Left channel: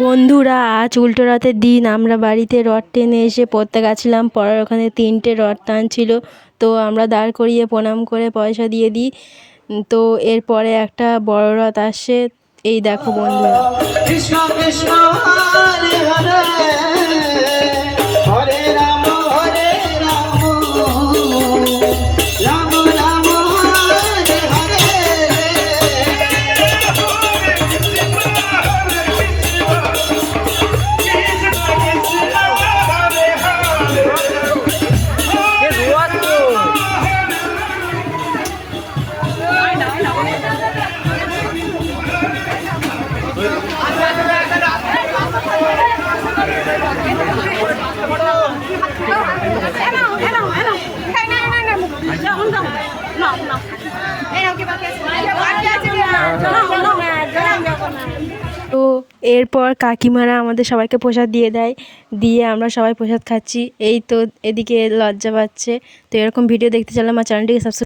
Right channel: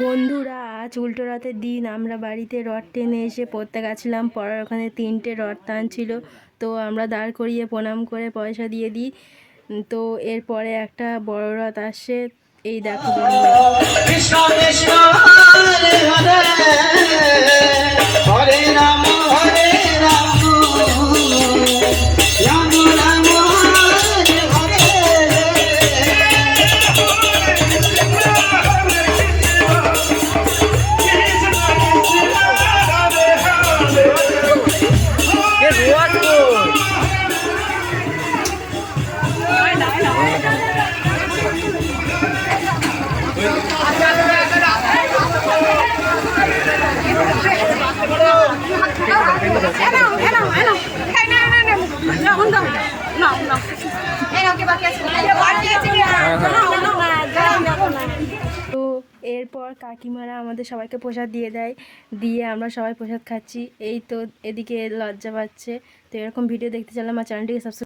বন্ধুরা, আজ উল্টো রথের দিন আমরা বাড়িতে রথ টেনে এসে পড়তে গেছিলাম। পড়ার ওখানে 3টে রথ টানছিল, তো আমরা দাঁড় করিয়ে প্রণাম করে পয়সা দিয়ে দিই। তো এরপরে একটা বড় রথ আসছে, এই দেখো বন্ধুরা। কৃষ্ণ কৃষ্ণ হরে হরে হরে রাম হরে রাম রাম রাম হরে হরে। তো এরপর কাকিমারা আমাদের সবাইকে প্রসাদ দিয়ে দেয়, দিয়ে আমরা সবাই প্রসাদ খাচ্ছি। এই তো এদিকে লজ্জা পাচ্ছে। তো এরকম ভিডিও দেখতে চাইলে আমার চ্যানেলটিকে সাবস্ক্রাইব